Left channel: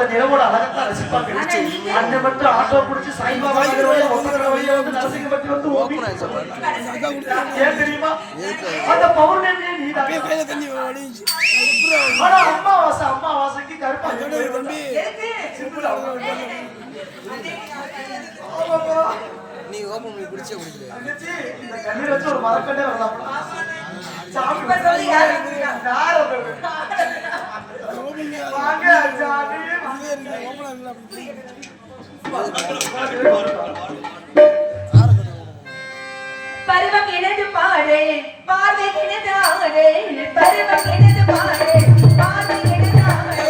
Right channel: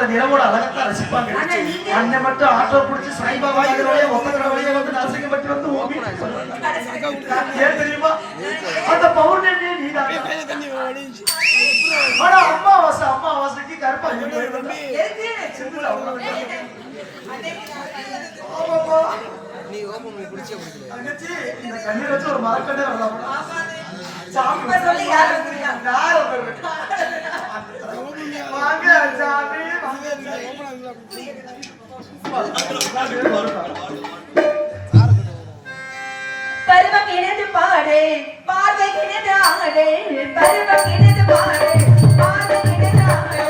பாக்குற நிலவோட அழகத்தான் ரசிப்பாங்க. அன்னை மட்டும் ஆட்டோ பிடிச்சி சாய்பாபா ஒப்பந்த வழியே வந்து நரசிங்கப்பட்டி வந்து ஏன் தெரியுமா? அந்த பௌர்ணமி நீதான். ஆனா அம்மாவாசைக்கு கருப்பா நீ ஓபன் பண்ணி குடிச்சே குடிக்கல. அங்கச்சி இந்த கண்ணீர் வச்சு ஒரு மரக்கண்டே வரலாம். சாமி சொல்லி யார் வந்திருக்காங்க? வாங்க சாமி பருவம் எனது பாடு பார்வை எனது ஆடு பருவம் எனது பாடு பார்வை எனது ஆடு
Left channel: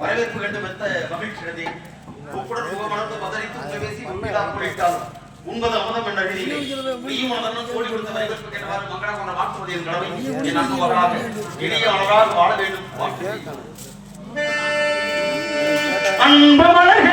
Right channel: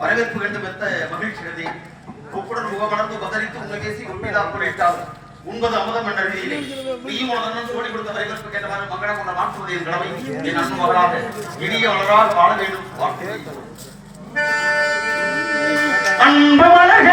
வரவேற்பு கண்டு மெத்த மகிழ்ச்சி உப்புடன் முகமணந்து பதறித்து உணவேசி உண்மையாக போலிட்டால் உண்பது அமுதம் என்ற அழியிலே நீயும் உணர்ந்து சோடி கொடுத்த வரவேற்பு கேட்டவாறு மங்கள கொண்ட மாற்றுவதையும் கடமை என் அன்புகளாக இனிய வளரால் வாழ வேண்டும் வாழ்க்கை அன்பு வளர்க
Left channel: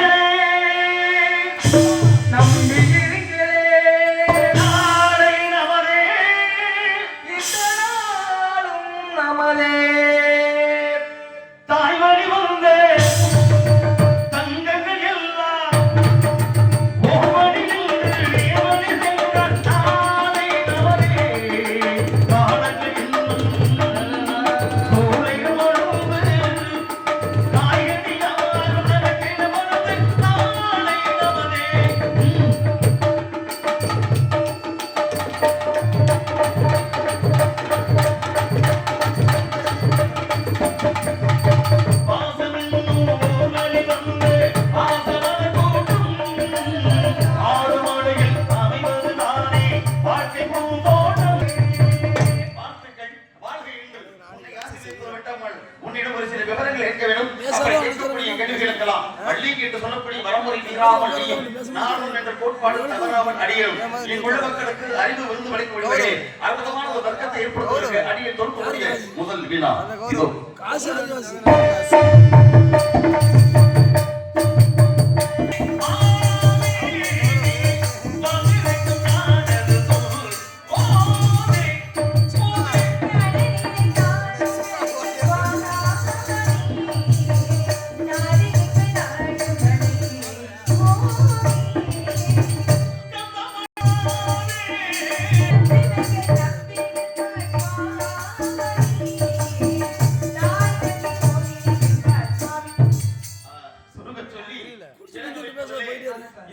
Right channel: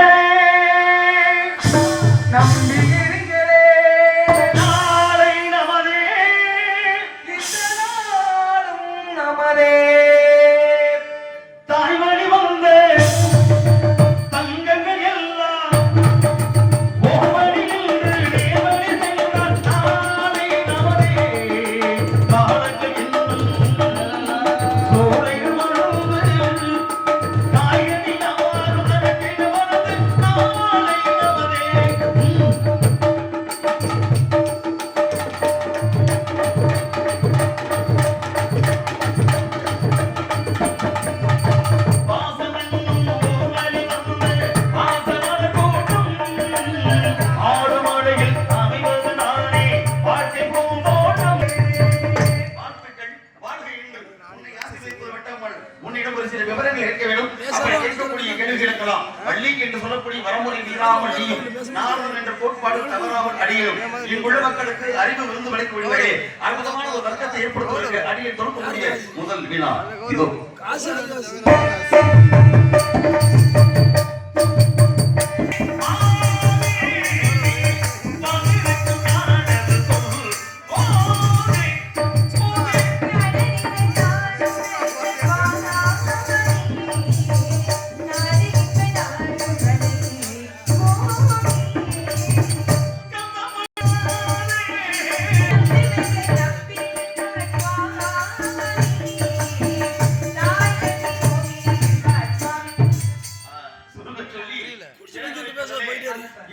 அறிவு விருந்து வளைக்கப்படுவதே அற்புதமான ஒரு வர்க்கத்தை ஏற்படுத்துவதற்கு அடியை தொடுக்கக்கூடிய முதல் வினா இதோ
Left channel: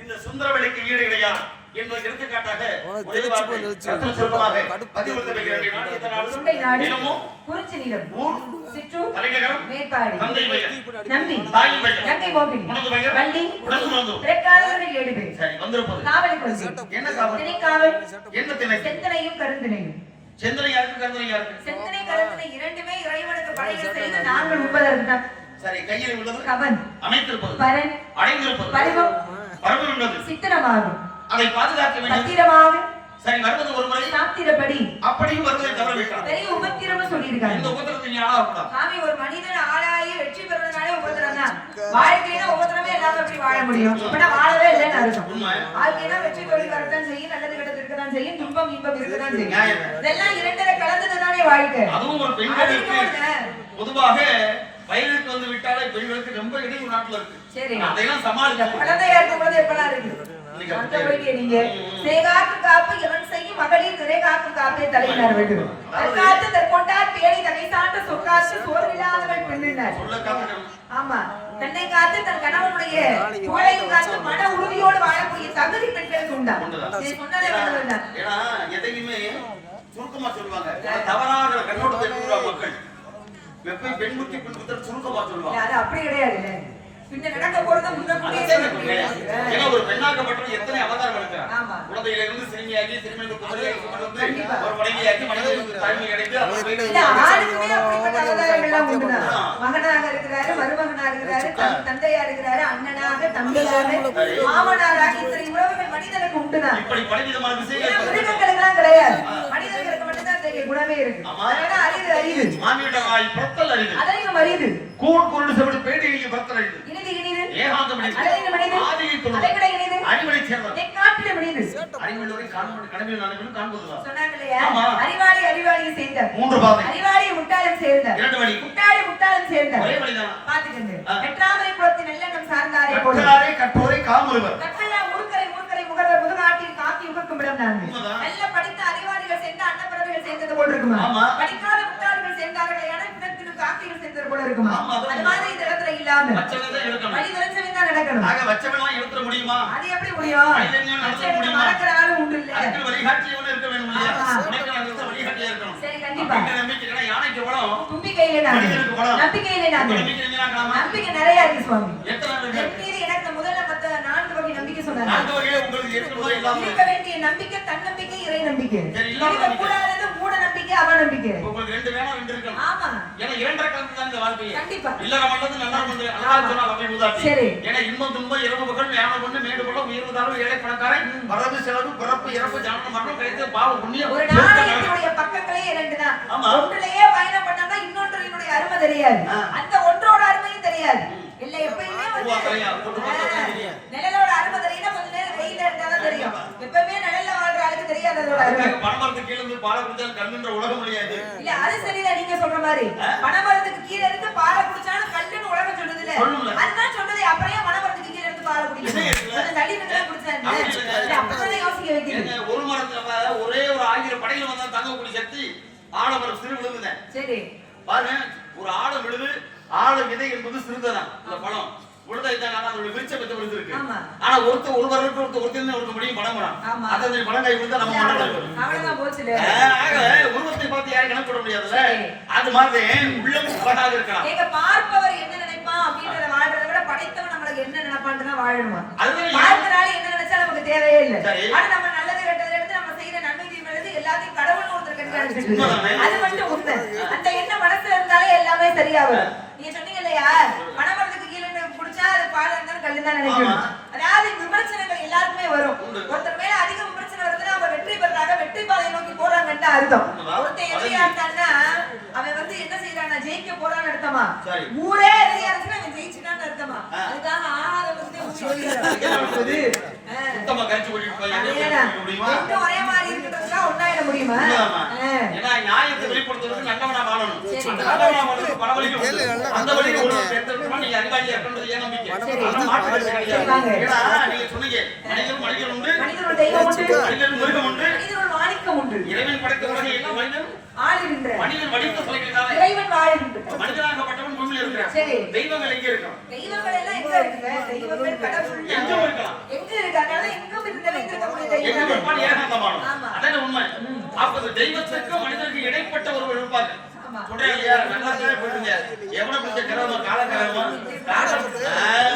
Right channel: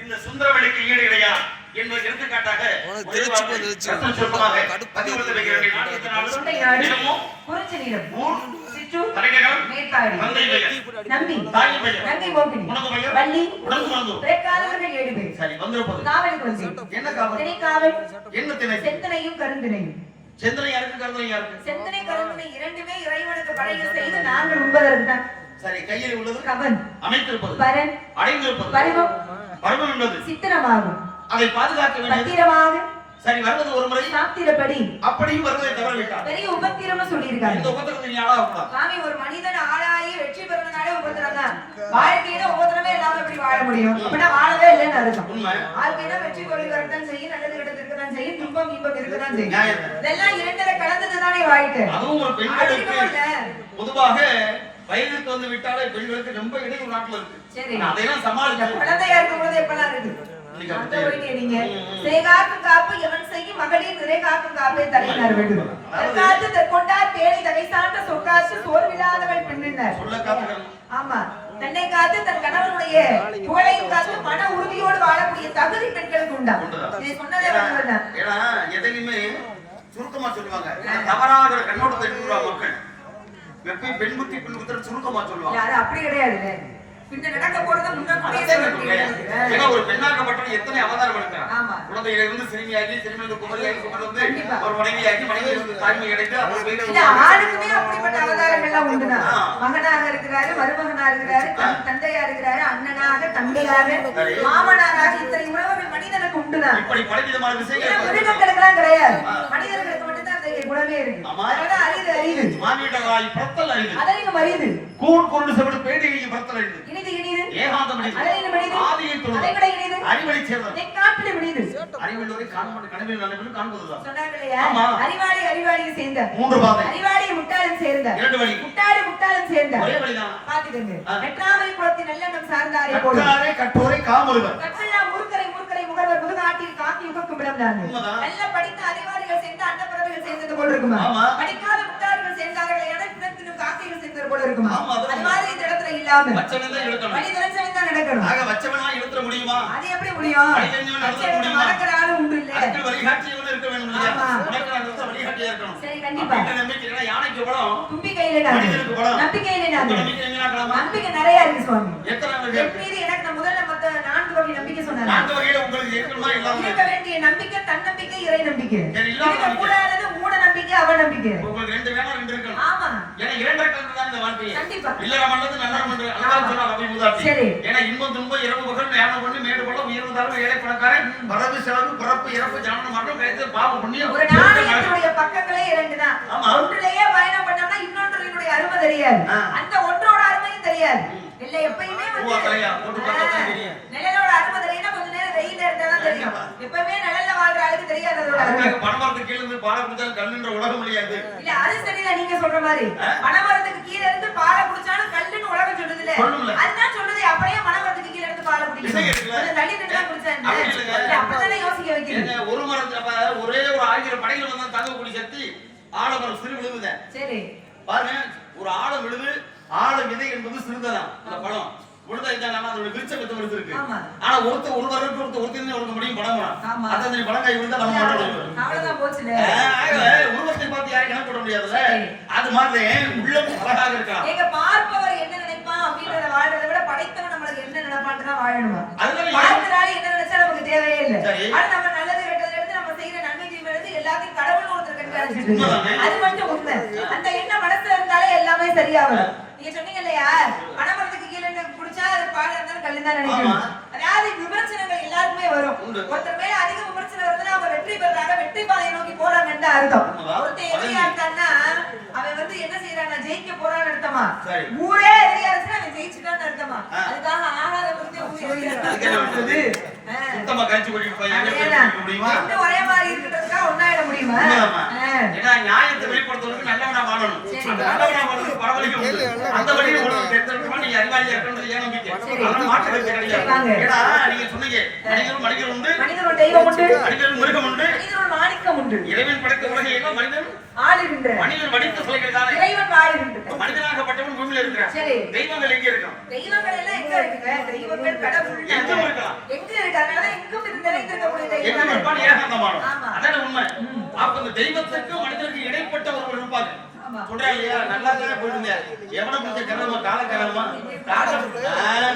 இந்த சுந்தரவெளிக்கு ஈடு இடையா என்பது எடுத்துக்காட்டாக சரி கையில் உள்ளது கவன் அமைத்திருப்பது பரன் அடைந்திருப்பது பரிவம் பரவல் உள்ளது சித்திரமாகும் அதை பாதுகாக்க வேண்டும் பத்திரமாக சரி வருவது ஒரு முறை சாத்திரப்படி அப்படியும் வருவதை தவற விட்டார் பெரிய உபத்திரம்னு சொல்லியிருக்காங்க இந்த உபத்திரத்தை நீ ஆளா விட்டா சாமி ஒரு மனிதன் ஆளாயி வெற்றி பெறனாலே உபத்திரம் தான் வாழ்க்கையில ஒவ்வொருத்தருமே எல்லாமே எப்படி வாழ முடியும் அப்படின்னா வாழவே இல்லைன்னு அர்த்தம். உண்மை. வாழ்க்கையில வெற்றி தோல்வி வரத்தான் செய்யும், நல்லது கிடத்திற்கு தான் செய்யும், துன்பம் இன்பம் இருக்கதான் செய்யும். நியாயம். இதெல்லாம் இரண்டரை கலந்ததுதானே வாழ்க்கை. அதுவும் ஒரு பெண்களுக்கு பொதுவாக வயதுக்கு வந்து விட்டாலே பெண்களுக்கு ரொம்ப இடையூறு நாட்டுல இருக்கு. சரி. அதையெல்லாம் சமாளிக்கணும். குழந்தையா இருக்கும்போது எப்படா இருக்கு இன்னைக்கு அந்த அப்படியே ஒரு கேள்விங்க. சிறைகாக்கு காப்பு எவன் செய்யும் மகளிர் நிறைகாக்கு காப்பே தலையினர் வேண்டும். தற்காத்து தற்கொண்டார் பேணி தகை சான்று சொக்காற்று சோர்வில்லாதவள் பெண்ணினர். சொல்ல காத்துக்கணும். ஆமா, பெண்ணை காத்து தன் கணவனுடைய புகழையும் காத்து மன உறுதியோடு வாழக்கூடிய தகுதி பெண்களுக்கு உண்டா. இது சொன்னதே வந்து ஏன்னா எதையுமே சுருக்கமா சொல்லுவாங்க. தவறான கண்ணோட்டத்தை எடுத்துருவாங்க மக்கள். எப்பயும் பெண் புத்தி பெண் புத்தி சுருக்கமா சொல்லுவாங்க. அது அப்படி கிடையாது. பின்ன நடக்க போறத முன்னாடியே ஏன்னா ஒரு பெண்ணாக்கப்பட்டவன் எத்தனை அவதாரம் எடுக்கிறான். ஆமா. குழந்தைகளை வந்து சிறுமியாகி சிறுமிக்கு குமரியாகி கொண்டு வந்து ஒரு மனைவியாக்கி மனைவி வந்து தாய்மை அடைந்து ஆளுக்குமே அப்படிப்பட்ட அவதாரங்கள்லாம் உண்டுதான். மகனாக இருக்கிறாரு, மருமகனா இருக்கிறாரு, தந்தையா இருக்கிறாரு, அண்ணனாக, தம்பியாக, மாமனாராக, இத்தனை உறவுகள் மனிதனுக்கு உண்டுதான். இப்படி பலவிதமான விஷயங்கள் மிருகங்களுக்கெல்லாம் கிடையாது. மனிதர்களுக்கு மட்டும்தான் அந்த குணமே இருக்கு. அதனால அரிது அரிது. மாமியிட்டாய் பத்தல் அரிது. அதையும் அரிது. கூழ் கொண்டு செவிடு பேடியை பத்தல் அரிது. இனிது இனிது. ஏகாந்தம் அரிது. அதையும் அரிது. ஆதியை தொழுது. அதை விட இனிது. அறிவழி சேர்ந்தது. காட்டிலும் இனிது. அறிவுள்ளவரை காண்பது கனவில் நனவில் காண்பதுதான். சொன்னாங்களையா? அறிவாளி அறிவாளியை சேர்ந்த. மூன்று பாதை. அறிவாளி முட்டாளும் சேர்ந்த. இரண்டு வழி. முட்டாளி முட்டாளும் சேர்ந்த. ஒரே வழிதான். பாத்துக்கங்க. வெற்றாமை குலத்தின் நல்லெண்ணம் சார்ந்தாரே போல. கற்றாரை கற்றோரை காமருவர். கற்றெல்லாம் மூர்க்கரை மூர்க்கரை முகவர் முதுகாட்டில் காக்கி உகக்கும் இடம் நான். நல்ல படித்த அறிவாளிகள் சேர்ந்த அன்னப்பிறவைகள் சேர்ந்தது போல இருக்குமா? படிக்காத முட்டாள்கள் சேர்ந்தார்கள் என பிறப்பினும் காக்கைகள் சேர்ந்தது போல இருக்குமா? அது மாதிரி இந்த இடத்துல இல்லாம வச்சவன்தான் இருக்கணும். வழி தெரிஞ்சவன் தான் நடக்கணும். ஆக வச்சவனா எடுத்துற முடியுமா? அது எப்படி முடியும்? வச்சவன் மறக்கிற ஆளு உண்டு இல்ல. அதுக்கு வழிகாட்டியவன் இருக்க வேண்டும் இல்லையா? உனக்கு நான் இருக்க வழிகாட்டியா இருக்கணும். சரி, கண்டிப்பா. நம்பிக்கை இல்லைன்னா யானைக்கு பலம், தும்பிக்கையிலே நான். மனிதனுக்கு பலம். நம்பிக்கையிலே நான். நம்பிக்கை இல்லைனாக்கலாமா? நம்பிக்கை நிறைய இருக்கு சுவாமி. எத்தனை என் மீது எனக்கு முதல்ல மொத்த 4 வகை நம்பிக்கை சொன்னாங்க. நான்கு வகையில உங்களுக்கு இருக்கணுமா இல்லாம இருக்க வேண்டிய நம்பிக்கை தன்னம்பிக்கை, இறை நம்பிக்கை. சரி, இல்லாம இருக்க கூடாதது மூட நம்பிக்கை, அவநம்பிக்கை. உங்களுக்கு ரெண்டு வேணும், ரெண்டு இருக்கணும். ஆமா. ஏன்னா இரண்டரை கலந்து தான் இந்த வாழ்க்கை. கண்டிப்பா. இல்லற மண்டது நல்லா பண்ற அழகா சொன்னா அவை மூதாட்டி. சரி. ஏன்னா இன்பம் துன்பம் இரவு பகல் ஞான பண்ணு மேடு பள்ள உயர்வு தாழ்வு ஏழை பணக்காரன் வரவு செலவு பிறப்பு இறப்பு ஜனன மரணம் கிடைத்த பாவ புண்ணியம். ஒரு நாணயத்துடைய பக்கங்களே 2 தான். ஒன்றிலேயே பயணம் பண்ணோம்னா இன்னொன்றினுடைய அருமை தெரியாது. அந்த ஒன்றோட அருமையும் தெரியாது. இல்ல எப்பயுமே நிழலோட அருமை தெரியும்னா கொஞ்ச நேரம் வெயில இருந்தா தான் தெரியும். எப்பவுமே நிழல்ல வாழ்ற ஆளுக்கு தெரியாது அதோட அருமை. பணமரத்துக்கு கீழ இருந்து பாலை குடிச்சாலும் கண்ணுன்ற உலகம் முடியாது. இல்ல அது சரிதான் நீங்க சொல்ற மாதிரி. பணமரத்துக்கு கீழ இருந்து பாலை குடிச்சாலும் கல்லுன்னு உலகம் சொல்லுது இல்ல. அதுதான் சொல்றது. அப்படியே பணமரத்துக்கு கீழ இருந்து பாலை குடிக்கணும். தள்ளி நின்னா குடிச்சாங்க. அப்பதானே யோசிக்க வைக்கிறீங்க. ஒரு மரத்துல ஒரே ஒரு 1000 படைகள் வந்தா தாங்கக்கூடிய சக்தி ஆலமரம் சிறு விழுவுதான். சரி பாருங்க, ஒரு ஆலம் விழுது, ஆல விதை என்பது சிறுதான். அந்த பழம் விழுதா இருந்தாங்க, அதோட விருட்சம் பெற்று விழுது இருக்கு. ஆனா ஒரு வருடத்துக்கு ஒருத்தர் ஒருக்க முடியும் படம் படம் அத்தனை பழங்காய் விழுந்தா நம்ம அவ்வளவுதான் போச்சுல. உருவத்தை பார்த்து யாரையும் கணக்கு போட முடியாதுல்ல. அது மாதிரி உள்ளம் அழகாக இருக்கலாம். ஏங்க பார்ப்பவர் என்ன நினைப்பான் அப்படின்றத வாழ்றதை விட படைத்தவன் நம்மளுக்கு என்ன நினைப்பான்னு தான் வாழணுமா? பார்க்கறால என்ன நினைச்சா நமக்கு தேவையே இல்ல. ஆனா நம்ம நல்லது கெட்டதை எடுத்து நம்ம செய்யற நன்மை தீமை எடுத்து எல்லாத்தையும் கடவுள்னு ஒருத்தர் கண்டுபிடிச்சிட்டு அது மட்டும் உண்மை. அந்த எண்ணம் மனசுல இருந்தாலே எல்லாமே சரியா வரும். நீங்க சொன்னீங்க இல்லையா, பணமரத்துக்கு கீழே குடிச்சா அது பால் இருந்தாலும் கல்லு தான் நினைக்கணும். அதாவது விமர்சனங்கள் எல்லாருக்குமே வரும். ஒருத்தர் மேல அதிக விமர்சனம் வருதுன்னா அவங்க வெற்றி பெறாங்க, வெற்றி பாதையை நோக்கி போறாங்கன்னு அர்த்தம். ஒருத்தர் எதிரியா இருக்கான்னா அவன் வந்து என்ன செய்யறான்னா ஜெயிக்க போறான்னு அர்த்தமா? ஊரே எதிரியா இருந்துச்சுன்னா அவன் ஜெயிச்சுட்டான்னு அர்த்தமா? அதுக்காக ஆகாத வந்து சுத்தமா கழிச்சு முடியுமா? ஒரே மாதிரி இருக்கிறதுனா ஒன்னாயிட முடியுமா? ஏன்னா நியாயத்தை வெளிப்படுத்துறதுக்கு நல்லவனா வாழணும். அந்த நல்லவனா வாழ்றது பல வழிகள் உண்டு. அந்த வழியை எடுத்துக்கிட்டா நீங்க அறிவாளியா இருக்கணும்ன்றது ஏன் நம்பிக்கை? அது மாற்று கருத்து கிடையாது. ஏன்னா நீங்க சொன்னீங்க மனிதன் உண்டு, மனிதன் தெய்வம் உண்டு, மனிதன் மிருகம் உண்டு, மனிதன் மாணிக்கம் உண்டு. இறைவன் படைத்த உலகை எல்லாம் மனிதன் ஆளுகின்ற மனிதன் வடித்த சிலைகள் தானே. இறைவன் ஆளுகின்ற மனிதனாகப்பட்டவன் பூமியில இருக்கிறான். தெய்வங்கள் எங்க இருக்கான்? தெய்வங்கள் எல்லாம் எங்க இருக்குங்க? தெய்வங்கள் கடவுள் எங்க இருக்கலாம்? எங்க இருக்காங்க? அதான் எங்கும் நிறைந்திருக்கக்கூடிய தெய்வம். எங்க இருப்பான்? ஏகாந்தமானவன். அதான உண்மை. அப்ப இந்த தெய்வத்துக்கும் மனிதனுக்கு இடைப்பட்ட ஒருவர் இருப்பாங்க. சொல்றா இல்லையா? நல்லா தான் போயிருந்த எவனை பிடிச்ச கிரகமா கால கிரகமா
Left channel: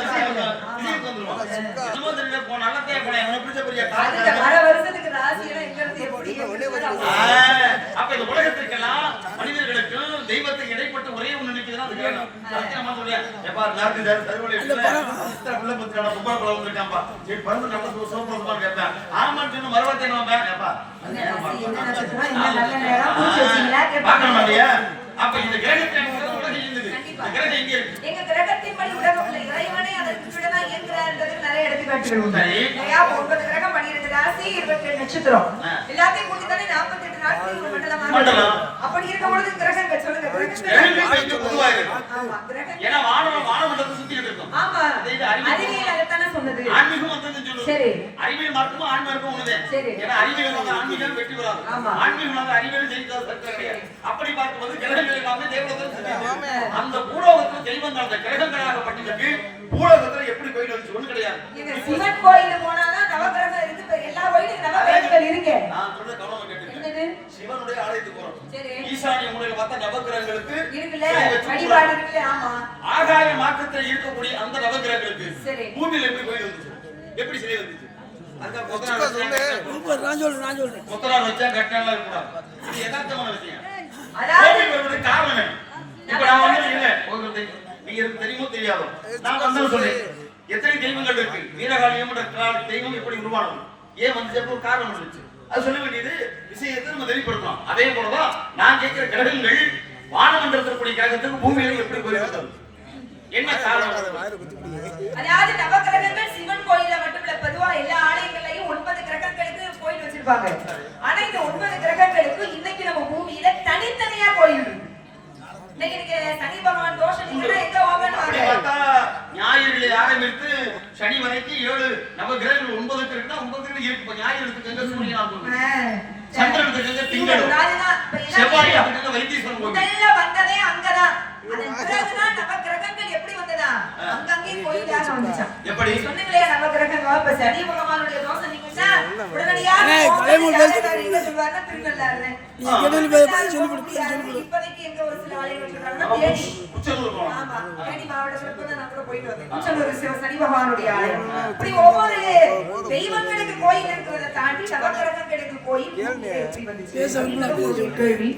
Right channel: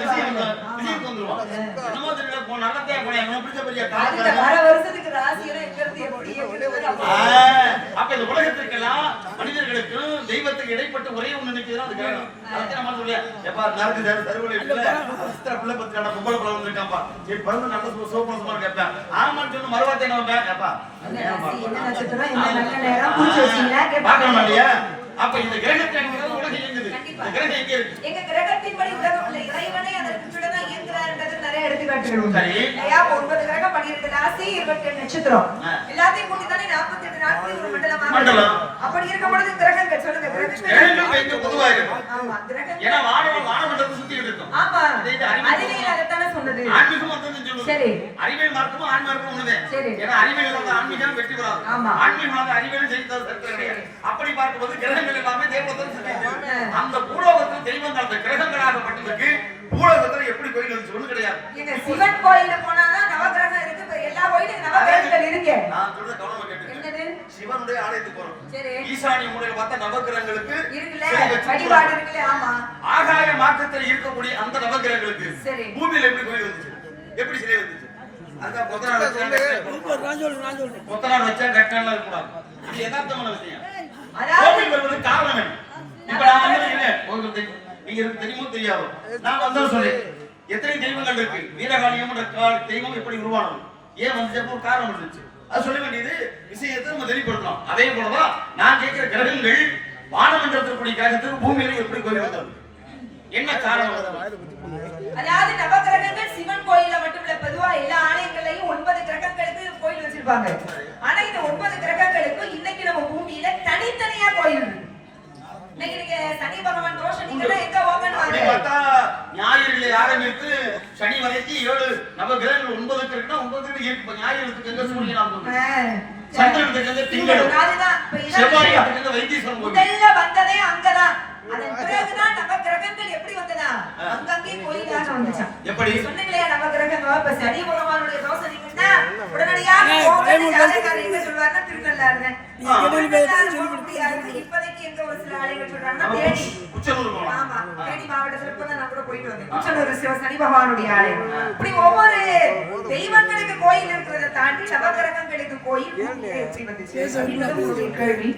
விஷயத்துக்கு வந்துருவான். என்னமோ தெரியல போ நல்லதே போன எவனை பிடிச்ச பெரிய கால கிரகம். அரை வருஷத்துக்கு ராசியெல்லாம் எங்க இருந்து எப்படி அப்ப இந்த உலகத்திற்கெல்லாம் மனிதர்களுக்கும் தெய்வத்துக்கு இடைப்பட்ட ஒரே ஒண்ணு நிக்குதுன்னா அது கிரகம். சத்தியமா சொல்றியா? எப்பா நாக்கு தருவலை இல்ல அஸ்திர பிள்ளை பத்திரான பொம்பளை குழந்தை வந்திருக்காம்பா. ஏய் பிறந்து நல்ல சோப்பரமா கேட்பேன். ஆமான்னு சொன்ன மறுவார்த்தை என்ன வந்தா எப்பா அப்ப இந்த கிரகத்தை உலகம் இயங்குது. இந்த கிரகம் எங்க இருக்கு? எங்க கிரகத்தின் படி உலகம் இல்ல. கிரகங்கள் உண்டு. இல்லையா? 9 கிரகம் 12 ராசி 27 நட்சத்திரம் எல்லாத்தையும் கூட்டி தானே 48 நாட்கள் ஒரு மண்டலமாக. அப்படி இருக்கும் பொழுது கிரகங்கள் சொல்லுங்க. கிரகங்கள் வைத்து பொதுவாக இருக்கும். ஆமா, கிரகங்கள் ஏன்னா வானமண்டலத்தை சுத்திட்டு இருக்கும். ஆமா, அறிவியல் அதைத்தானே சொன்னது. ஆன்மீகம் வந்து சொல்லுது. சரி, அறிவியல் மார்க்கமும் ஆன்மீகம் ஒண்ணுதே. சரி, ஏன்னா அறிவியல் வந்து ஆன்மீகம் வெற்றி பெறாது. ஆன்மீகம் வந்து அறிவியல் ஜெயித்தது கிடையாது. அப்படி பார்க்கும்போது கிரகங்கள் எல்லாமே தேவலோகத்துல சுத்திட்டு அந்த பூலோகத்தில் தெய்வங்கள் அந்த கிரகங்களாகப்பட்டதுக்கு பூலோகத்துல எப்படி கோயில் வந்துச்சு ஒண்ணு கிடையாது. சிவன் கோயில போனாதான் நவகிரகம் இருக்கு. எல்லா கோயிலும் நவகிரகங்கள் இருக்கு. நான் சொல்றது கவனமா கேட்டுக்கங்க. சிவனுடைய ஆலயத்துக்கு போறோம். சரி, ஈசானிய மூலையில பார்த்தா நவகிரகங்களுக்கு இருக்குல்ல, வழிபாடு இருக்குல்ல. ஆமா, ஆகாய மார்க்கத்தில் இருக்கக்கூடிய அந்த நவகிரகங்களுக்கு பூமியில எப்படி கோயில் வந்துச்சு, எப்படி சிலை வந்துச்சு? அதுதான் கொத்தனார் வச்சா கட்டணம் இருக்கக்கூடாது. இது யதார்த்தமான விஷயம். கோவில் வருவது காரணம் என்ன? இப்ப நான் வந்து இல்ல உங்களுக்கு நீங்க தெரியுமோ தெரியாதோ நான் வந்து சொல்றேன். எத்தனை தெய்வங்கள் இருக்கு? வீரகாளியம் தெய்வம் எப்படி உருவானது, ஏன் வந்து காரணம் இருந்துச்சு, அது சொல்ல வேண்டியது விஷயத்தை நம்ம வெளிப்படுத்தலாம். அதே போலதான் நான் கேட்கிற கிரகங்கள் வானமண்டலத்திற்குரிய கிரகத்துக்கு பூமியில எப்படி கோயில் வந்தது, என்ன காரணம்? அதாவது நவகிரகங்கள் சிவன் கோயில மட்டும் இல்ல, பொதுவா எல்லா ஆலயங்களையும் 9 கிரகங்களுக்கு கோயில் வச்சிருப்பாங்க. ஆனா இந்த 9 கிரகங்களுக்கு இன்னைக்கு நம்ம பூமியில தனித்தனியா கோயில் இருக்கு. இன்னைக்கு நீங்க சனி பகவான் தோஷம் நீங்க எங்க போகணும்? அப்படி பார்த்தா ஞாயிறுல ஆரம்பித்து சனி வரைக்கும் 7 நவகிரகங்கள் 9 இருக்குன்னா 9 இருக்கு. ஞாயிறுக்கு எங்க சூரியன் ஆகுது, சந்திரனுக்கு எங்க திங்கள், செவ்வாய்க்கு எங்க வைத்தீஸ்வரன் கோயில். முதல்ல வந்ததே அங்கதான். அதன் பிறகுதான் நவகிரகங்கள் எப்படி வந்ததா அங்கங்கே கோயிலாக வந்துச்சு. எப்படி சொன்னீங்களே நவகிரகங்கள் இப்ப சனி பகவானுடைய தோஷம் நீக்குன்னா உடனடியாக எங்க சொல்வாருன்னா திருநள்ளாறுல. இப்போதைக்கு எங்க ஒரு சில ஆலயங்கள் சொல்றாங்கன்னா தேனி, ஆமா தேனி மாவட்டத்துல இப்பதான் நான் கூட போயிட்டு வந்தேன். குச்சனூர் சனி பகவானுடைய ஆலயம். இப்படி ஒவ்வொரு தெய்வங்களுக்கு கோயில் இருக்கிறத தாண்டி நவகிரகங்களுக்கு கோயில் எப்படி வந்துச்சு கேள்வி.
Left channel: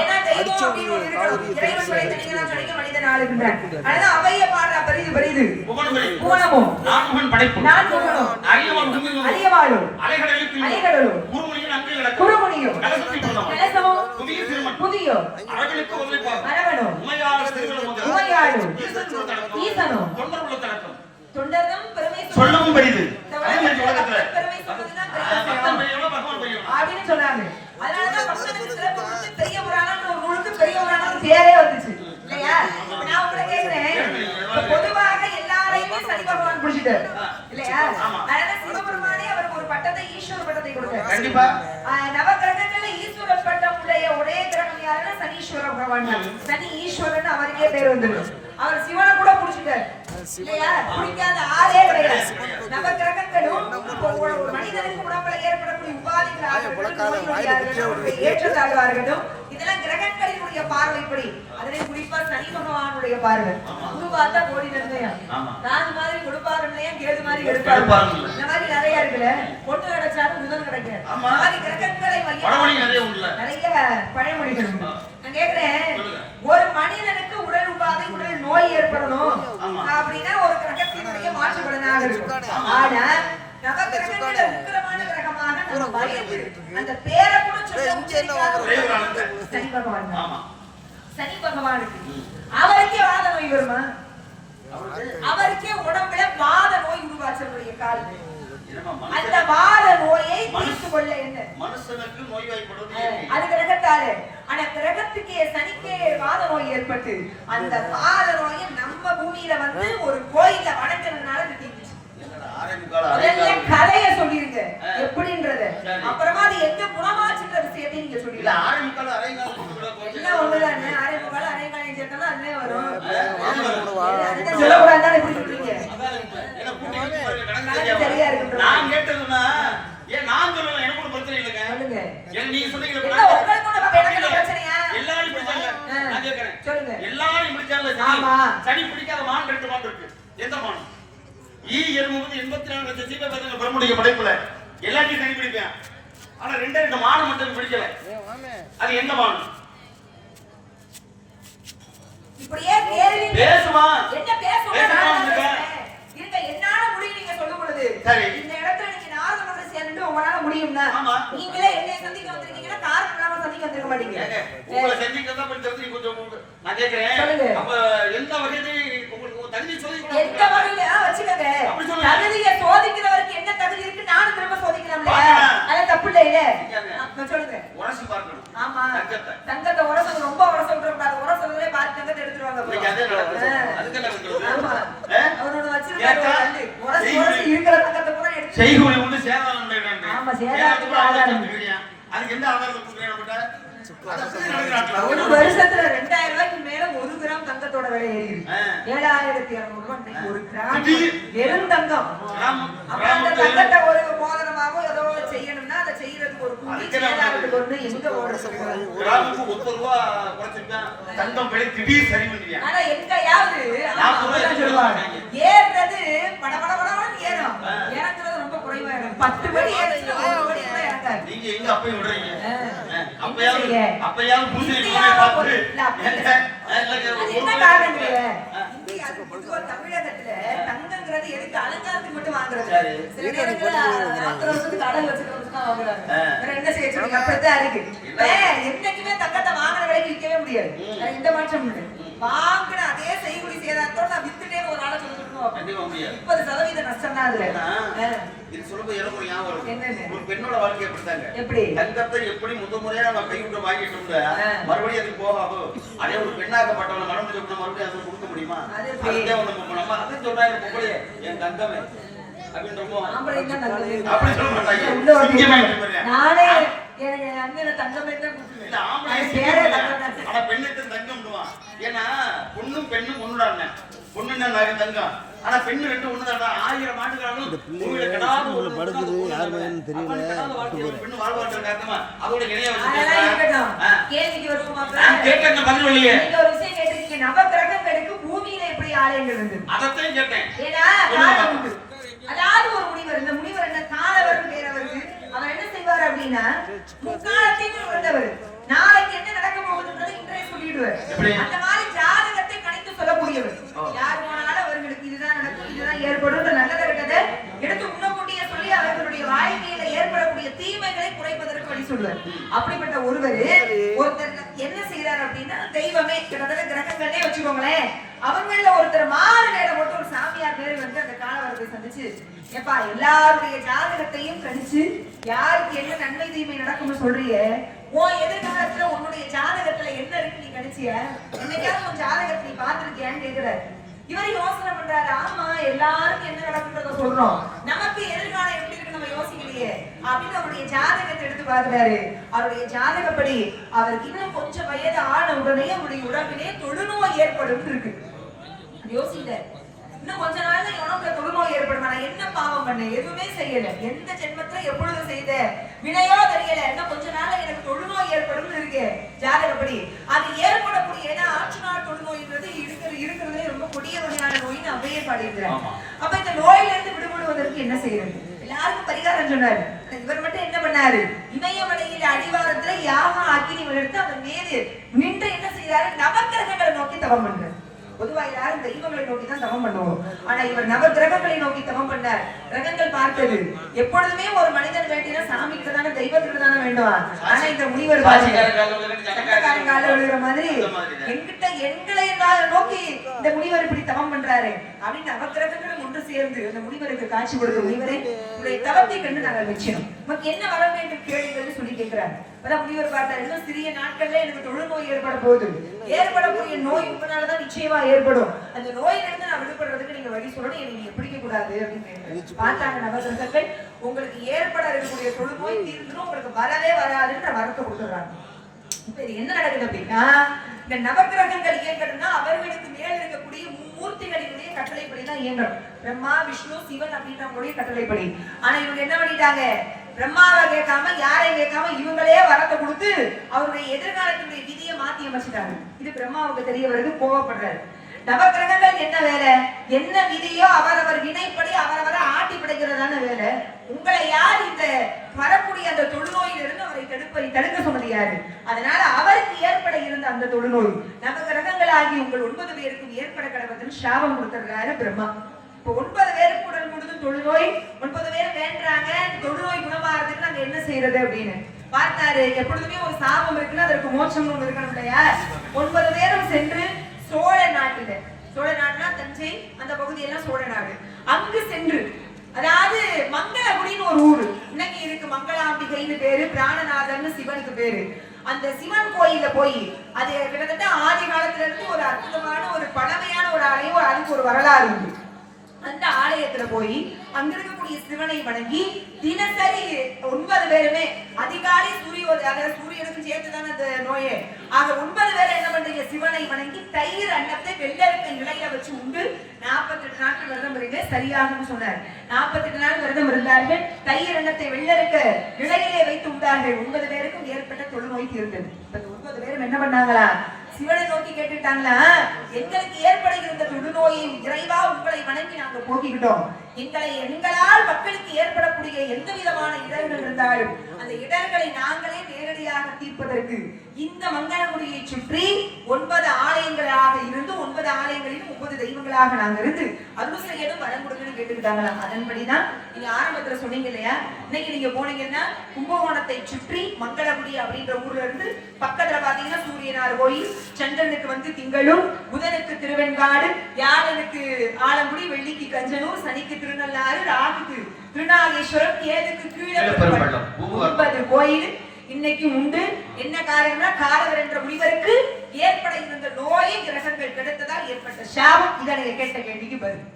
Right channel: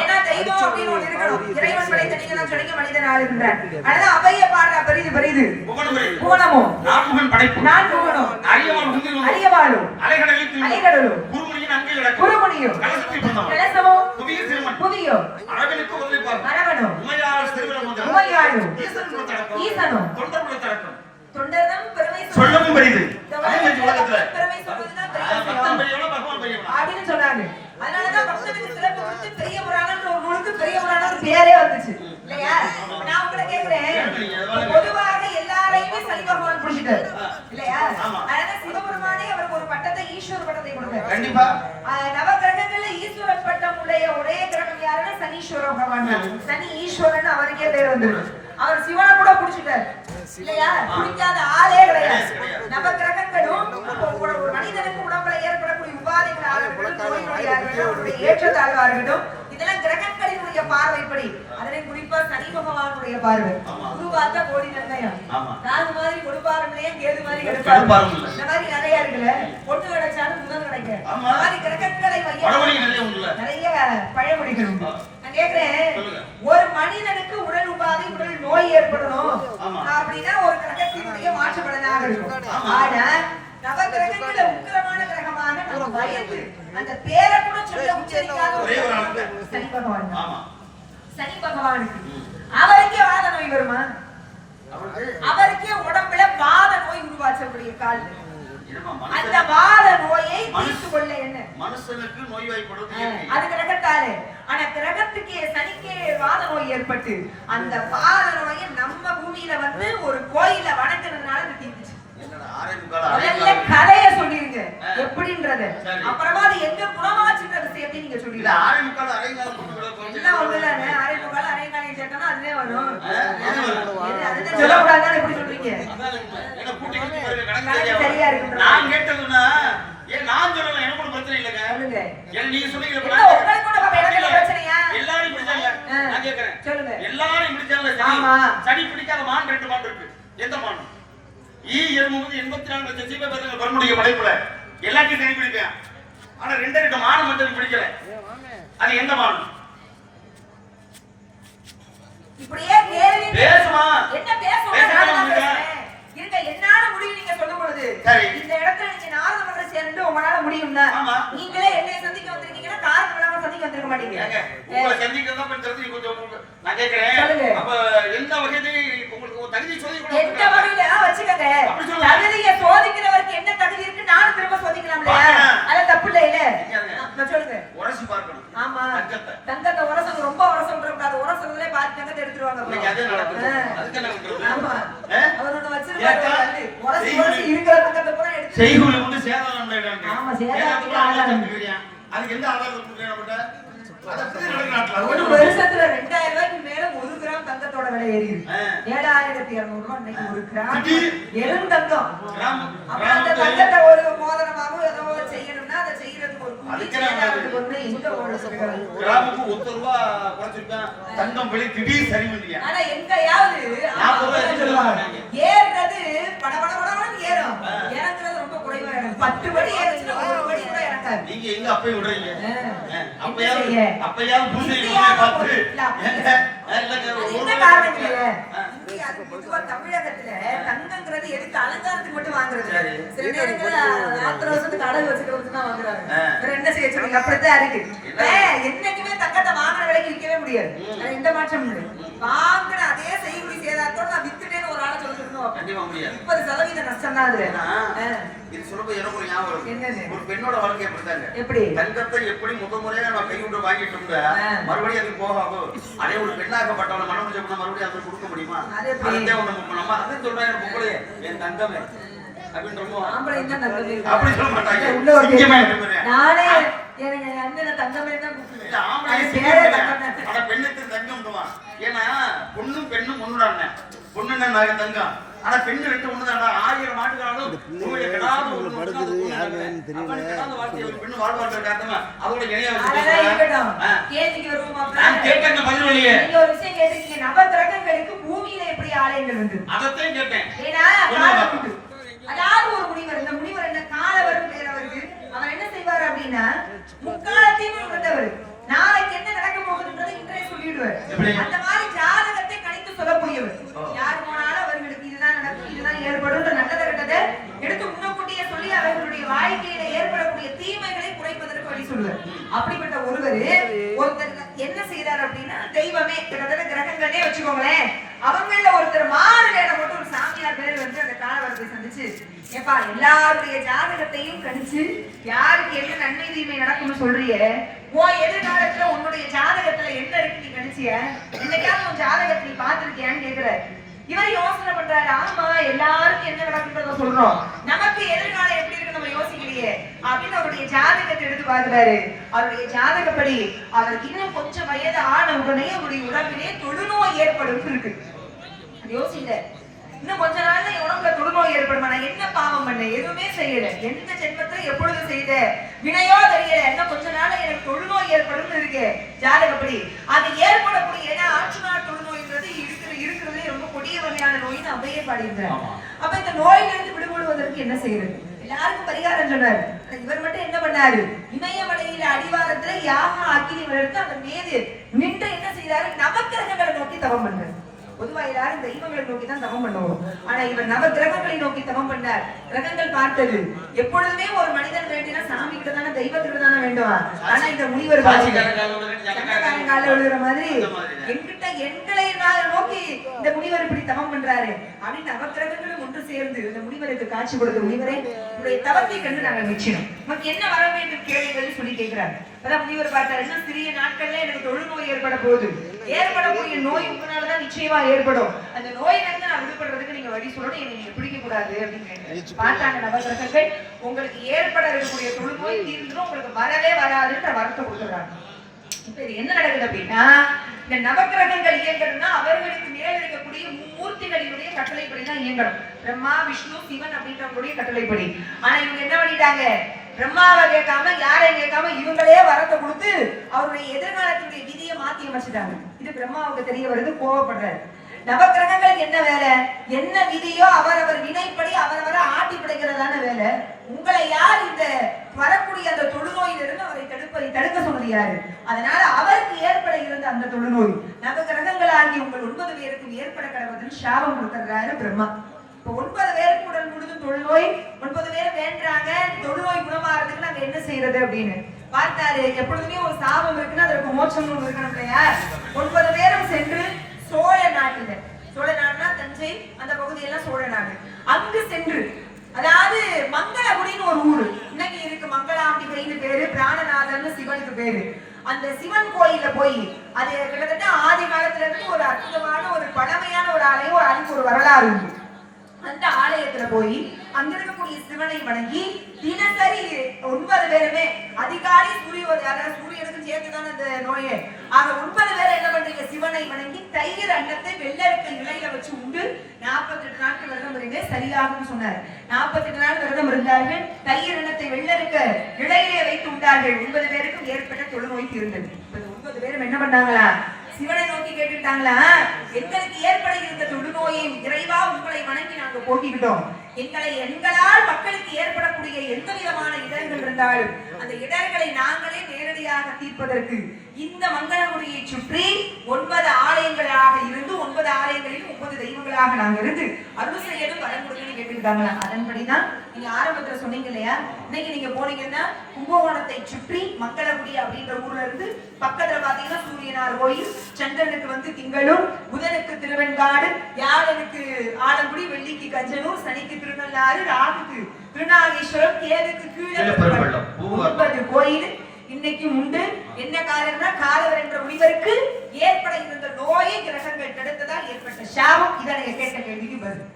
ஏன்னா தெய்வம் அப்படின்னு ஒண்ணு இருக்கணும். இறைவன் படைத்த நீங்க கிடைக்க மனிதன் ஆளுகின்றார். அதனால அவைய பாடுற பெரிது பெரிது பூனமும் நான்முகன் படைப்பு நான்முகனும் அரியவாளும் அலைகடலும் குருமுனியும் கலசமும் புவியோ அரவனும் உமையாளும் ஈசனும் தொண்டரும் பெருமை சொல்லவும் பெரிது பெருமை அப்படின்னு சொன்னாங்க. அதனாலதான் பக்தனுக்கு சிறப்பு கொடுத்து பெரிய புராணம் ஒரு நூலுக்கு பெரிய புராணம் பேரே வந்துச்சு இல்லையா? நான் உங்களை கேக்குறேன், பொதுவாக எல்லாரையுமே சனி பகவான் பிடிச்சிட்டாரு இல்லையா? அதனால சிவபெருமானே அவருக்கு ஒரு பட்டத்தை ஈஸ்வர பட்டத்தை கொடுத்தாரு. நவகிரகங்கள்ல ஈஸ்வர பட்டம் உடைய ஒரே கிரகம் யாருன்னா சனீஸ்வர பகவான் தான். சனி ஈஸ்வரன் அவருக்கே பேர் வந்துருக்கு. அவர் சிவனை கூட பிடிச்சிட்டாரு இல்லையா? பிடிக்காத ஆளே கிடையாது. நவகிரகங்களும் ஒரு மனிதனுக்கு உடம்புல ஏற்படக்கூடிய ஏற்றதாக இருக்கட்டும், இதெல்லாம் கிரகங்களினுடைய பார்வைப்படி. அதிலே குறிப்பா சனி பகவானுடைய பார்வை. குருவாத்தா கோடி நிர்ணயம், நாலு மாதிரி கொடுப்பாருன்னு கேது மாதிரி எடுப்பாரு. இந்த மாதிரி நிறைய இருக்குல்ல. பொண்ணு கிடைச்சாலும் முதல் கிடைக்க மாதிரி கிரகங்களை நிறைய பழமொழிகள் உண்டு. நான் கேக்குறேன், ஒரு மனிதனுக்கு உடல் உபாதை உடல் நோய் ஏற்படணும் அப்படின்னா ஒரு கிரகத்தினுடைய மாற்று பலனாக இருக்கும். ஆனா நவகிரகங்கள உக்கிரமான கிரகமாக நம்ம பயந்து அந்த பேரை கூட சொல்ல உச்சரிக்காத ஒரே ஒரு ஆளு சனி பகவான். ஆமா, சனி பகவானுக்கு அவருக்கே வாத நோய் வருமா? அவருக்கே உடம்புல வாத நோய் உருவாச்சக்கூடிய கால். அந்த வாத நோயை தீர்த்து கொள்ள என்ன மனுஷனுக்கு நோய்வாய்ப்படுவது அது கிரகத்தாலே. ஆனா கிரகத்துக்கே சனிக்கே வாத நோய் ஏற்பட்டு அந்த வாத நோயை நம்ம பூமியில வந்து ஒரு கோயில வணங்குறதுனால தீர்ந்துச்சு. கதைய சொல்லிருங்க எப்படின்றத, அப்புறமா அது எங்க குணமாச்சுன்ற விஷயத்தை நீங்க சொல்லிருங்க. எல்லாம் ஒண்ணுதானே, ஆரம்பிக்கால அரைங்காலம் சேர்க்கணும் அதுவே வரும். சொல்லக்கூடாதுன்னு எப்படி சொல்றீங்க? சரியா இருக்கு. நான் கேட்டதுன்னா நான் சொல்லுவேன், எனக்கு ஒரு பிரச்சனை இல்லைங்க. நீங்க சொல்லுங்க எல்லாரும் பிடிச்சாங்க. நான் கேட்கிறேன், சொல்லுங்க எல்லாரும் பிடிச்சாங்க. சனி பிடிக்காத மான் 2 மான் இருக்கு. எந்த மான்? ஈ-74 84 லட்சம் சீபேசங்கள் பெருமுடைய படைப்புல எல்லாத்தையும் சனி பிடிப்பேன். ஆனா 2 மான் மட்டும் பிடிக்கல. அது எந்த மான்? இப்படியே கேள்வி பேசுமா? என்ன பேசுறீங்க? இருங்க, என்னால முடியும் நீங்க சொல்லும் பொழுது இந்த இடத்துல நீங்க நாலு மக்களை சேர்ந்து உங்களால முடியும்னா நீங்களே என்னை சந்திக்க வந்திருக்கீங்கன்னா காரணம் இல்லாம சந்திக்க வந்திருக்க மாட்டீங்க. உங்களை சந்திக்கிறதா தெரிஞ்சு கொஞ்சம் நான் கேக்குறேன். அப்ப எந்த வகையில உங்களுக்கு தகுதி சோதிக்க எந்த வகையில வச்சுக்கங்க. தகுதியை சோதிக்கிற தங்கத்தை உரசது ரொம்ப உரசம் கூடாது. உரசதுலே பாதி தங்கத்தை எடுத்துருவாங்க. அவரோட வச்சிருக்காங்க. உரசி இருக்கிற தங்கத்தை பூரா எடுத்து செய்கூலி வந்து சேதாரம் பண்றாங்க. ஆமா, சேதாரம் ஆதாரம். அதுக்கு எந்த ஆதாரம் கொடுக்குறாங்க? ஒரு வருஷத்துல 2000 ரூபாய்க்கு மேல 1 கிராம் தங்கத்தோட விலை ஏறிடுது. 7200 ரூபாய் இன்னைக்கு ஒரு கிராம் வெறும் தங்கம். அந்த தங்கத்தை ஒரு மோதிரமாவோ ஏதோ செய்யணும்னா அதை செய்யறதுக்கு ஒரு கூலி ஒண்ணு எங்க ஓடுறது? கிராமுக்கு 1 ரூபாய் குறைச்சிருக்கேன். தங்கம் விலை திடீர் சரி பண்ணியா? ஆனா எங்கயாவது ஏறது படபடபடன்னு ஏறும். இறங்குறது ரொம்ப குறைவா இருக்கும். 10 படி ஏறுறது 1 படி கூட இறங்காது. நீங்க எங்க அப்பே விடுறீங்க? அப்பயாவது பூசை பார்த்து என்ன காரணம் இல்லையே? அது பொதுவா தமிழகத்துல தங்கங்கிறது எதுக்கு அலங்காரத்துக்கு மட்டும் வாங்குறது. சில நேரங்கள்ல 40 வருஷத்துக்கு அடகு வச்சுட்டு தான் வாங்குறாங்க. வேற என்ன செய்ய சொல்றீங்க? அப்படித்தான் இருக்கு. என்னைக்குமே தங்கத்தை வாங்குற விலைக்கு விற்கவே முடியாது. இந்த மாற்றம் இல்லை. வாங்குற அதே செய்கூலி சேதாரத்தோட நான் வித்துட்டேன்னு ஒரு ஆளை சொல்லிட்டு 30% நஷ்டம் தான் அதுல. இது சொல்லும்போது எனக்கு ஒரு ஞாபகம் வருது. ஒரு பெண்ணோட வாழ்க்கை எப்படிதாங்க? எப்படி தங்கத்தை எப்படி முறையா நான் கைவிட்டு வாங்கிட்டு மறுபடியும் அது போகாது. அதே ஒரு பெண்ணாக்கப்பட்டவன மனம் முடிஞ்ச மறுபடியும் அதை கொடுக்க முடியுமா? நம்ம அதை சொல்றாங்க பொம்பளையே என் தங்கமே அப்படின்னு அப்படி சொல்ல மாட்டாங்க. நானே எனக்கு அண்ணன் தங்கமே தான் பெண்ணுக்கு தங்கம். ஏன்னா பொண்ணும் பெண்ணும் ஒண்ணுடாங்க. பொண்ணுன்னா தங்கம். ஆனா பெண்ணு 2 ஒண்ணுதான். 1000 ஆண்டுகளாலும் பூமியில கடாது ஒரு படுக்குது யாருன்னு தெரியல. பெண்ணு வாழ்வார்கள் காரணமா அதோட இணைய வச்சிருக்காங்க. கேள்விக்கு வருவோமா? நான் கேட்டேன் பதில் இல்லையே. நீங்க ஒரு விஷயம் கேட்டீங்க. நவகிரகங்களுக்கு பூமியில எப்படி ஆலயங்கள் இருந்தது? அதத்தையும் கேட்டேன். ஏன்னா அதாவது ஒரு முனிவர், இந்த முனிவர் என்ன காலவரும் பேர் அவருக்கு. அவர் என்ன செய்வார் அப்படின்னா முக்காலத்தையும் இருந்தவர். நாளைக்கு என்ன நடக்க போகுதுன்றது இன்றைய சொல்லிடுவார். அந்த மாதிரி ஜாதகத்தை கணித்து சொல்லக்கூடியவர். யார் போனாலும் அவர்களுக்கு இதுதான் நடக்கும், இதுதான் ஏற்படும், நல்லதை இருக்கதை எடுத்து முன்னக்கூட்டியே சொல்லி அவர்களுடைய வாழ்க்கையில ஏற்படக்கூடிய தீமைகளை குறைப்பதற்கு வழி சொல்லுவார். அப்படிப்பட்ட ஒருவர் என்ன செய்யறாரு அப்படின்னா தெய்வமே கிரகங்களே வச்சுக்கோங்களேன். அவங்கள ஒருத்தர் மாறு நேரம் போட்டு ஒரு சாமியார் பேர் வந்து அந்த காலவரத்தை சந்திச்சு ஏப்பா எல்லாருடைய ஜாதகத்தையும் கணிச்சு யாருக்கு என்ன நன்மை தீமை நடக்கும்னு சொல்றிய, உன் எதிர்காலத்துல உன்னுடைய ஜாதகத்துல என்ன இருக்கு நீ கணிச்சிய, என்னைக்காவது உன் ஜாதகத்தை நீ பாத்துருக்கியான்னு கேக்குற. இவர் யோசனை பண்றாரு. ஆமா எல்லாருக்கும் என்ன நடக்குன்றத சொல்றோம், நமக்கு எதிர்காலம் எப்படி இருக்கு நம்ம யோசிக்கலையே அப்படின்னு அவருடைய ஜாதகத்தை எடுத்து பாக்குறாரு. அவருடைய ஜாதகப்படி அவருக்கு இன்னும் கொஞ்சம் வயது ஆன உடனே அவருடைய உடம்பிலே தொழுநோய் ஏற்படும் இருக்கு. யோசிங்க, இன்னும் கொஞ்ச நாள்ல உனக்கு தொழுநோய் ஏற்படுமா? நான் என்ன பாவம் பண்ண? எதுவுமே செய்யல. எந்த ஜென்மத்துல எப்பொழுது செய்த வினையோ தெரியல. இன்னும் கொஞ்ச நாள்ல எனக்கு தொழுநோய் ஏற்படும் இருக்கு ஜாதகப்படி. அது ஏற்படக்கூடிய ஏன்னா ஆட்சி நாள் தொழுநோய்ன்றது இருக்கிறதுலே ரொம்ப கொடிய வகையான நோய் நான் அப்படியே பாடியிருக்கிறேன். அப்ப இந்த நோயில இருந்து விடுபடுவதற்கு என்ன செய்யறது? எல்லாருக்கும் பரிகாரம் சொன்னாரு. இவர் மட்டும் என்ன பண்ணாரு? இமயமலையில அடிவாரத்துல யாகம் அக்கினி வளர்த்து அதன் மீது நின்று என்ன செய்தாரு? நவக்கிரகங்களை நோக்கி தவம் பண்றாரு. பொதுவா எல்லாரும் தெய்வங்களை நோக்கி தான் தவம் பண்ணுவோம். ஆனா இவர் நவ கிரகங்களை நோக்கி தவம் பண்ணார். கிரகங்கள் பார்த்தது எப்பொழுதுமே ஒரு மனிதன் வேண்டினா சாமிக்கு தானே தெய்வத்துக்கு தானே வேண்டுவா. ஆனா இந்த முனிவர் விழுகிற மாதிரி என்கிட்ட எங்களை நோக்கி இந்த முனிவர் இப்படி தவம் பண்றாரு அப்படின்னு நவ கிரகங்களும் ஒன்று சேர்ந்து இந்த முனிவருக்கு காட்சி கொடுத்த முனிவரை உடைய தவத்தை கண்டு நாங்கள் மெச்சினோம். உங்களுக்கு என்ன வர வேண்டும் கேளுங்கள் சொல்லி கேட்கிறாரு. அதான் முனிவர் பார்த்தாரு. இன்னும் சிறிய நாட்கள்ல எனக்கு தொழுநோய் ஏற்பட போகுது. ஏற்படக்கூடிய நோய் உங்களாலதான் நிச்சயமா ஏற்படும். அந்த நோயில இருந்து நான் விடுபடுறதுக்கு நீங்க வழி சொல்லணும். நீங்க பிடிக்க கூடாது அப்படின்னு பார்த்தாங்க நவகிரகங்கள். உங்களுக்கு ஏற்பட இருக்கக்கூடிய தொழுநோய் தீர்ந்துடும், உங்களுக்கு வரவே வராதுன்ற வரத்தை கொடுத்துறாங்க. இப்ப இது என்ன நடக்குது அப்படின்னா இந்த நவகிரகங்கள் இயங்கணும்னா அவர்களுக்கு மேல இருக்கக்கூடிய மும்மூர்த்திகளினுடைய கட்டளைப்படி தான் இயங்கணும். பிரம்மா விஷ்ணு சிவன் அப்படின்றவங்களுடைய கட்டளைப்படி. ஆனா இவங்க என்ன பண்ணிட்டாங்க? பிரம்மாவை கேட்காம யாரை கேட்காம இவங்களே வரத்தை கொடுத்து அவருடைய எதிர்காலத்தினுடைய விதியை மாத்தி அமைச்சிட்டாங்க. இது பிரம்மாவுக்கு தெரிய வருது. கோவப்படுறாரு. நவகிரகங்களுக்கு என்ன வேலை? என்ன விதியோ அவரவர் வினைப்படி அவரவரை ஆட்டி படைக்கிறதான வேலை. உங்களை யார் இந்த வரக்கூடிய அந்த தொழுநோயிலிருந்து அவரை தடுக்க சொன்னது யாரு? அதனால அவருக்கு ஏற்பட இருந்த அந்த தொழுநோய் நவகிரகங்கள் ஆகி உங்கள் 9 பேருக்கும் ஏற்பட கடவுள் சாபம் கொடுத்துறாரு பிரம்மா. இப்ப 9 பேருக்கு உடல் முழுதும் தொழுநோய். 9 பேர் வேண்டாங்க தொழுநோய் குணமாறதுக்கு நாங்க என்ன செய்யறது அப்படின்னு பார்த்தாரு. எப்பொழுதுமே ஒரு சாபம் இருக்குன்னா அதற்கு மோட்சம் ஒன்று இருக்கணும் இல்லையா? 9 பேரும் சென்று சோழ நாட்டுல, சோழ நாட்டுனா தஞ்சை அந்த பகுதியெல்லாம் சோழ நாடு, அங்கு சென்று அதாவது மங்களகுடின்னு ஒரு ஊரு இன்னைக்கு இருக்கு. மங்களாம்பிகைன்னு பேரு, பிராணநாதர்னு சிவனுக்கு பேரு. அந்த சிவன் கோயில்ல போய் அது கிட்டத்தட்ட ஆதி காலத்துல இருந்து ஒரு அற்புதமான ஒரு பழமையான ஒரு ஆலயம், அதுக்கு ஒரு வரலாறு உண்டு. அந்த ஆலயத்துல போய் அங்க இருக்கக்கூடிய சிவனை வணங்கி தினசரி 9 பேருமே அதிகாலை சூரியனுக்கு சேர்த்துதான் அந்த நோயே. ஆக 9 பேர் என்ன பண்றீங்க, சிவனை வணங்கி தயிர் அன்னத்தை வெள்ளரிக்க இலையில வச்சு உண்டு 48 நாட்கள் விரதம் இருங்க, சரியாகும் சொன்னார். 48 நாள் விரதம் இருந்தார்கள். தயிர் அன்னத்தை வெள்ளரிக்க இலையிலே வைத்து உண்டார்கள். 9 பேருக்கும் ஏற்பட்ட தொழுநோய்க்கு இருந்தது. 9 பேரும் என்ன பண்ணாங்களா, சிவனை நோக்கி கேட்டுட்டாங்களா, எங்களுக்கு ஏற்பட இருந்த தொழுநோயை இறைவா உங்களை வணங்கி நாங்க போக்கிக்கிட்டோம். எங்களால் மக்களுக்கு ஏற்படக்கூடிய எந்த விதமான இடர்கள் இருந்தாலும் அந்த இடர்களை நாங்களே நேரடியாக தீர்ப்பதற்கு இந்த மங்களகுடியை சுற்றி 9 ஆலயங்களாக இருந்து 9 ஆலயங்களில் 9 தெய்வங்களாக நாங்க இருந்து அருள் செய்யணும் வரம் கொடுக்கணும்னு கேட்டுக்கிட்டாங்களா. அதன்படிதான் நீங்க ஆரம்பத்துல சொன்னீங்க இல்லையா, இன்னைக்கு நீங்க போனீங்கன்னா கும்பகோணத்தை சுற்றி மங்களகுடி அப்படின்ற ஊர்ல இருந்து பக்கத்துல பாத்தீங்கன்னா சூரியனார் கோயில், சந்திரனுக்கு வந்து திங்களும், புதனுக்கு திருவெண்காடு, வியாழனுக்கு ஆலங்குடி, வெள்ளிக்கு கஞ்சனூர், சனிக்கு திருநள்ளாறு, ராகுக்கு திருநாகேஸ்வரம், கேதுக்கு கீழே 9 கோயில் இன்னைக்கு உண்டு. என்ன காரணம்னா காலவர் என்ற முனிவருக்கு ஏற்பட இருந்த நோயை கிரகங்கள் கிடைத்ததால் ஏற்பட்ட சாபம். இதை நீங்க கேட்ட கேள்விக்கு பதில்.